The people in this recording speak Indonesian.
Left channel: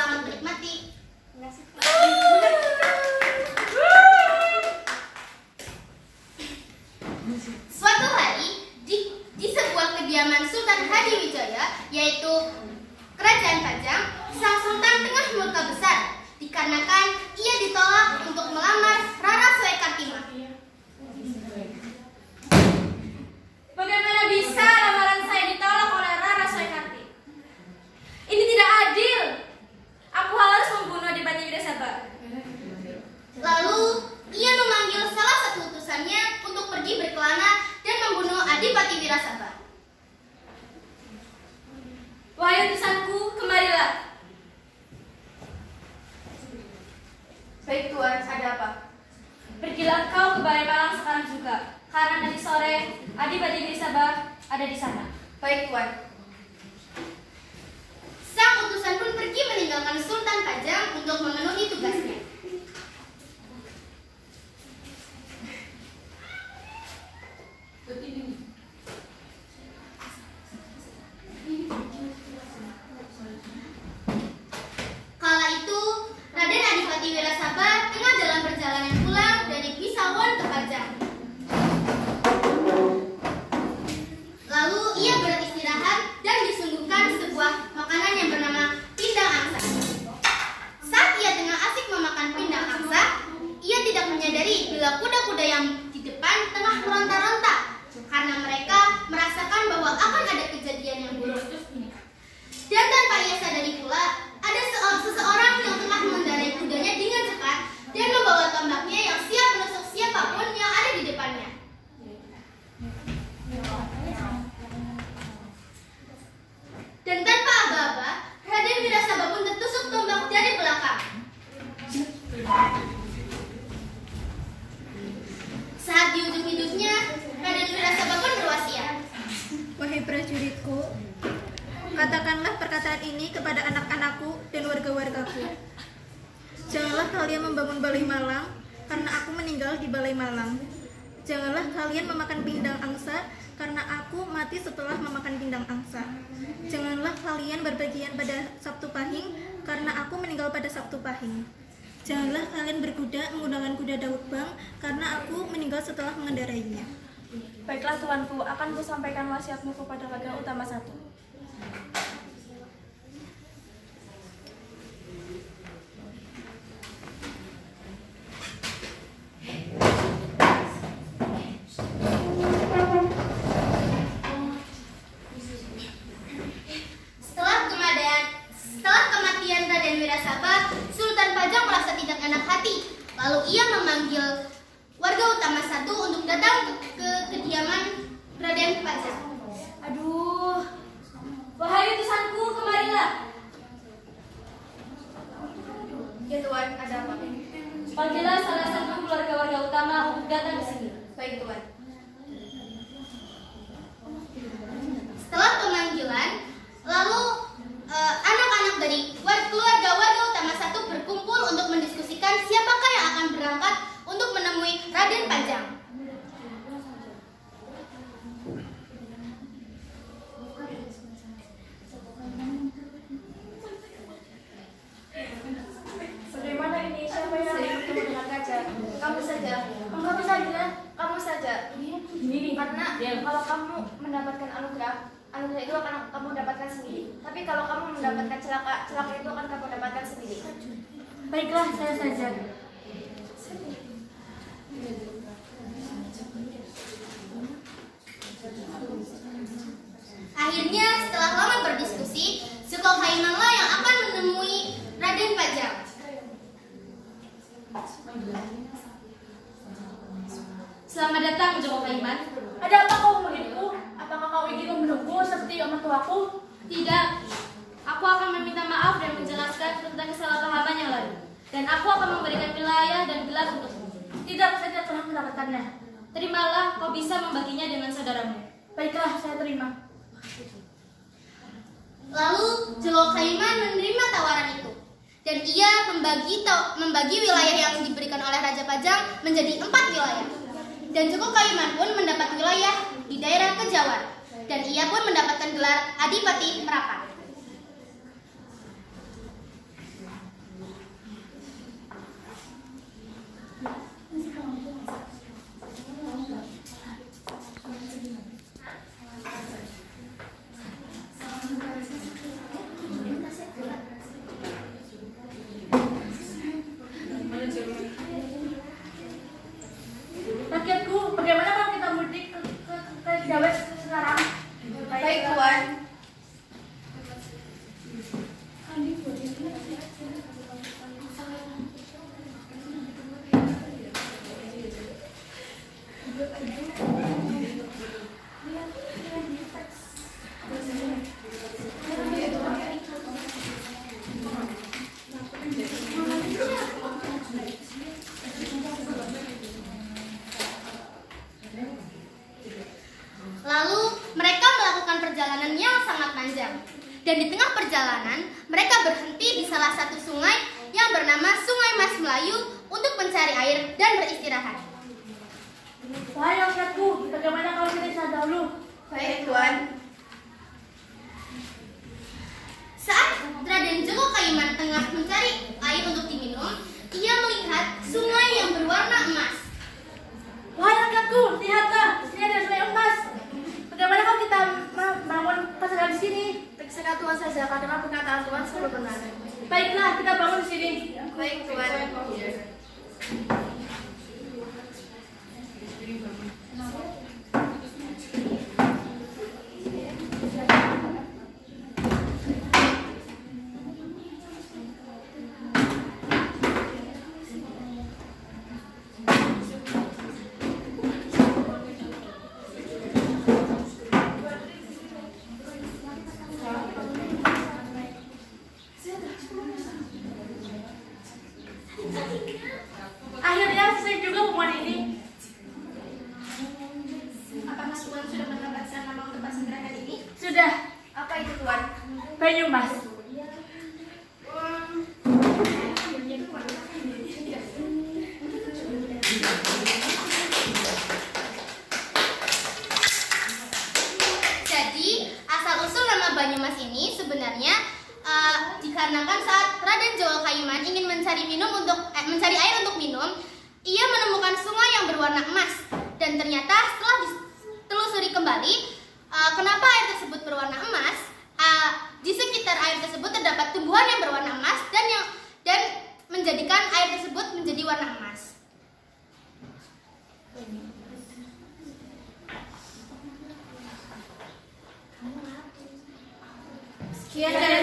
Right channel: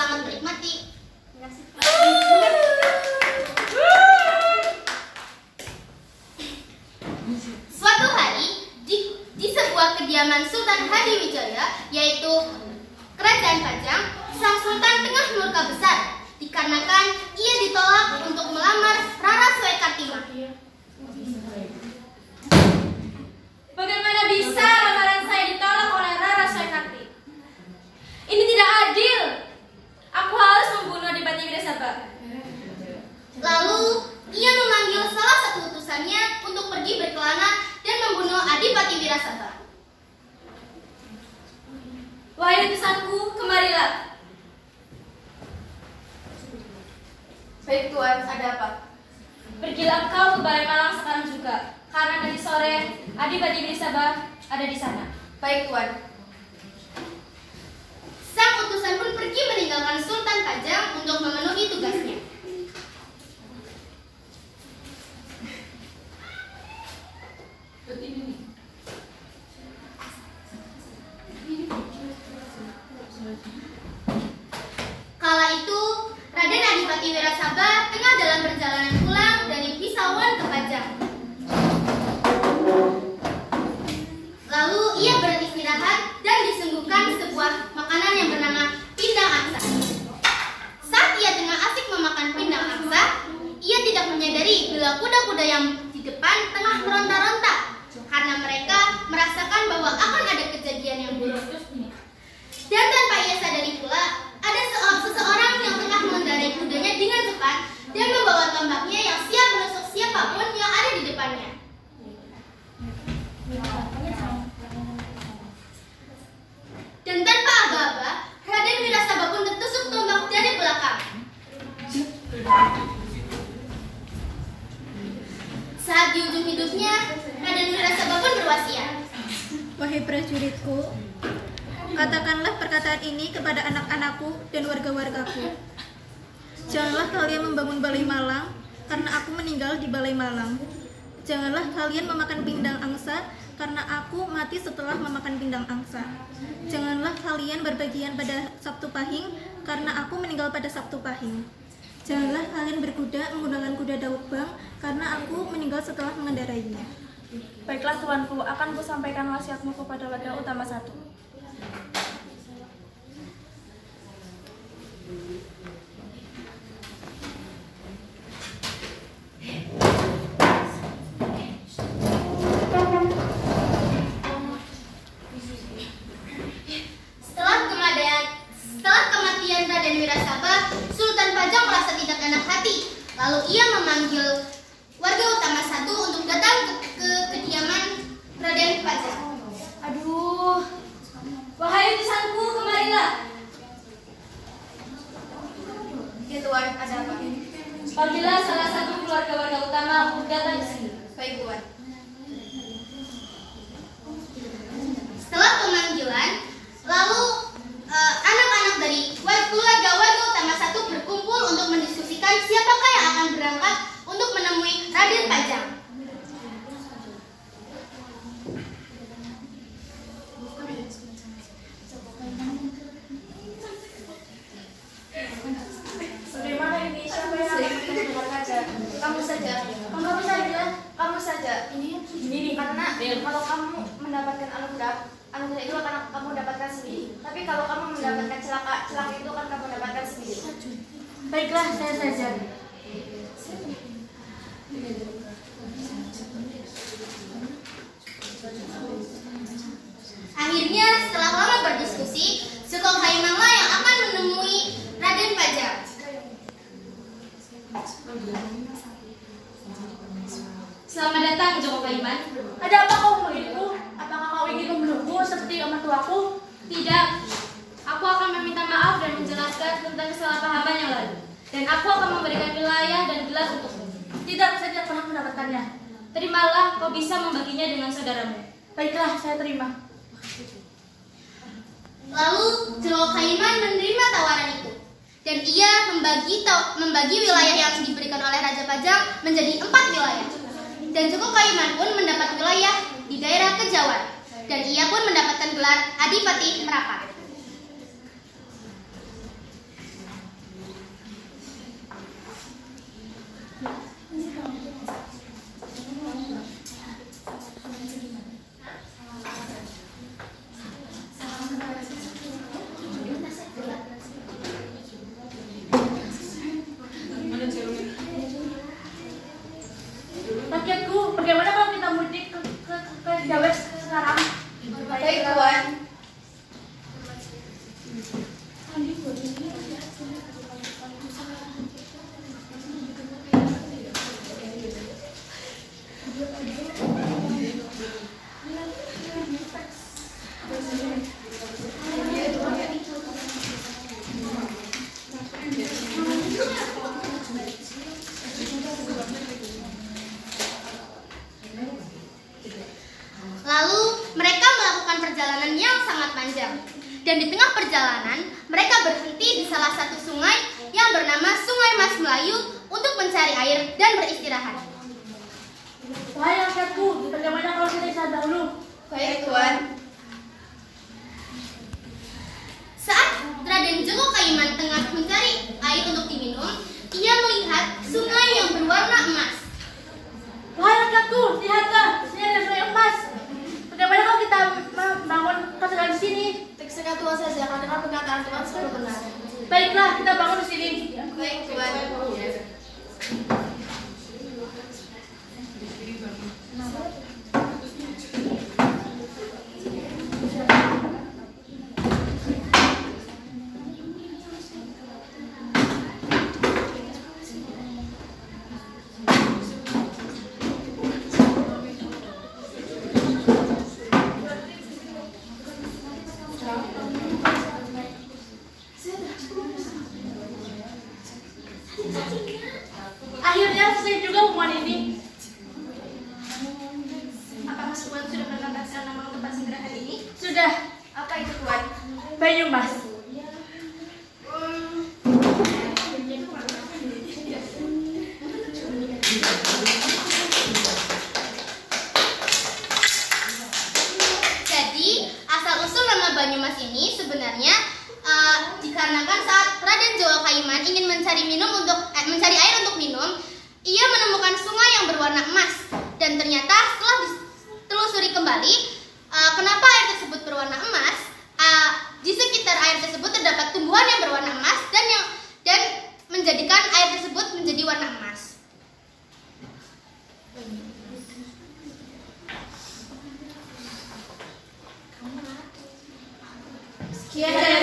Selamat menikmati. Suatu hari di sebuah kediaman Sultan Hadiwijaya, yaitu Kerajaan Pajang, sang sultan tengah murka besar dikarenakan ia ditolak untuk melamar Rara Swekartima. Bagaimana bisa lamaran saya ditolak oleh Rara Swekarti? Ini tidak adil. Aku harus membunuh Adipati Wirasaba. Lalu ia memanggil salah satu utusannya untuk pergi berkelana dan membunuh Adipati Wirasaba. Wahai utusanku, kemarilah. Baik Tuan, ada apa? Pergilah kau ke Balai Malang sekarang juga, karena nanti sore Adipati Wirasaba ada di sana. Baik Tuan. Sang utusan pun pergi meninggalkan Sultan Pajang untuk memenuhi tugasnya. Kala itu, Raden Adipati Wirasaba tengah dalam perjalanan pulang dari Pisawan ke Pajang. Lalu ia beristirahat dan disuguhkan sebuah makanan yang bernama pindang angsa. Saat ia tengah asik memakan pindang angsa, ia tidak menyadari bila kuda-kuda yang di depan tengah meronta-ronta karena mereka merasakan bahwa akan ada kejadian yang buruk. Dan tanpa ia sadari pula, ada seseorang yang tengah mengendarai kudanya dengan cepat dan membawa tombaknya yang siap menusuk siapapun yang ada di depannya. Dan tanpa aba-aba, Raden Wirasaba pun tertusuk tombak dari belakang. Saat di ujung hidupnya, Raden Wirasaba pun berwasiat. Wahai prajuritku, katakanlah perkataan ini kepada anak-anakku dan warga-wargaku. Janganlah kalian membangun Balai Malang, karena aku meninggal di Balai Malang. Janganlah kalian memakan pindang angsa, karena aku mati setelah memakan pindang angsa. Janganlah kalian berbagian pada Sabtu Pahing, karena aku meninggal pada Sabtu Pahing. Janganlah kalian berkuda menggunakan kuda Daud Bang, karena aku meninggal setelah mengendarainya. Baiklah Tuanku, akan ku sampaikan wasiatmu kepada warga utama 1. Setelah kematian Raden Wirasaba, Sultan Pajang merasa tidak enak hati. Lalu ia memanggil warga utama 1 untuk datang ke kediaman Raden Pajang. Aduh, wahai utusanku, kemarilah. Ya Tuan, ada apa? Panggillah salah satu keluarga warga utama untuk datang ke sini. Baik Tuan. Setelah pemanggilan, lalu anak-anak dari keluarga warga utama 1 berkumpul untuk mendiskusikan siapakah yang akan berangkat untuk menemui Raden Pajang. Bagaimana ini? Siapa yang akan bertemu dengan raja? Kamu saja. Kamu saja. Kamu saja. Ini karena kalau kamu mendapatkan anugerah itu akan kamu dapatkan sendiri. Tapi kalau kamu mendapatkan celaka itu akan kamu dapatkan sendiri. Baiklah, saya saja. Akhirnya setelah lama berdiskusi, Sukong Haimanglah yang akan menemui Raden Pajang. Selamat datang, Joko Kaiman. Ada apa kau memanggilku? Apakah kau ingin membunuhku seperti mertuaku? Tidak, aku akan meminta maaf dan menjelaskan tentang kesalahpahaman yang lalu. Dan aku akan memberikan wilayah dan gelar untukmu. Tidak, saya tidak pernah mendapatkannya. Terimalah, kau bisa membaginya dengan saudaramu. Baiklah, saya terima. Lalu Jelok Kaiman menerima tawaran itu. Dan ia membagi wilayah yang diberikan oleh Raja Pajang menjadi 4 wilayah. Dan Joko Kaiman pun mendapat wilayah di daerah Kejawan. Dan ia pun mendapatkan gelar Adipati Merapat. layu untuk mencari air dan beristirahat. Wahai rakyatku, bagaimana kalau kita istirahat dahulu? Baik, Tuan. Saat Raden Joko Kaiman tengah mencari air untuk diminum, ia melihat sungai yang berwarna emas. Wahai rakyatku, lihatlah, di sini ada sungai emas. Bagaimana kalau kita membangun pasangan di sini? Terserah Tuhan saja, karena perkataan Tuhan selalu benar. Baiklah, kita bangun di sini. Baik, Tuan. Akhirnya selesai juga hubungan ini. Apakah Tuan sudah mendapatkan nama untuk pasangan ini? Sudah. Apa itu, Tuan? Banyumas. Jadi, asal-usul nama Banyumas ini sebenarnya dikarenakan saat Raden Joko Kaiman ingin mencari air untuk minum, ia menemukan sungai yang berwarna emas. Dan ternyata setelah ditelusuri kembali, kenapa air tersebut berwarna emas? Di sekitar air tersebut terdapat tumbuhan yang berwarna emas dan menjadikan air tersebut menjadi warna emas. Sekian dari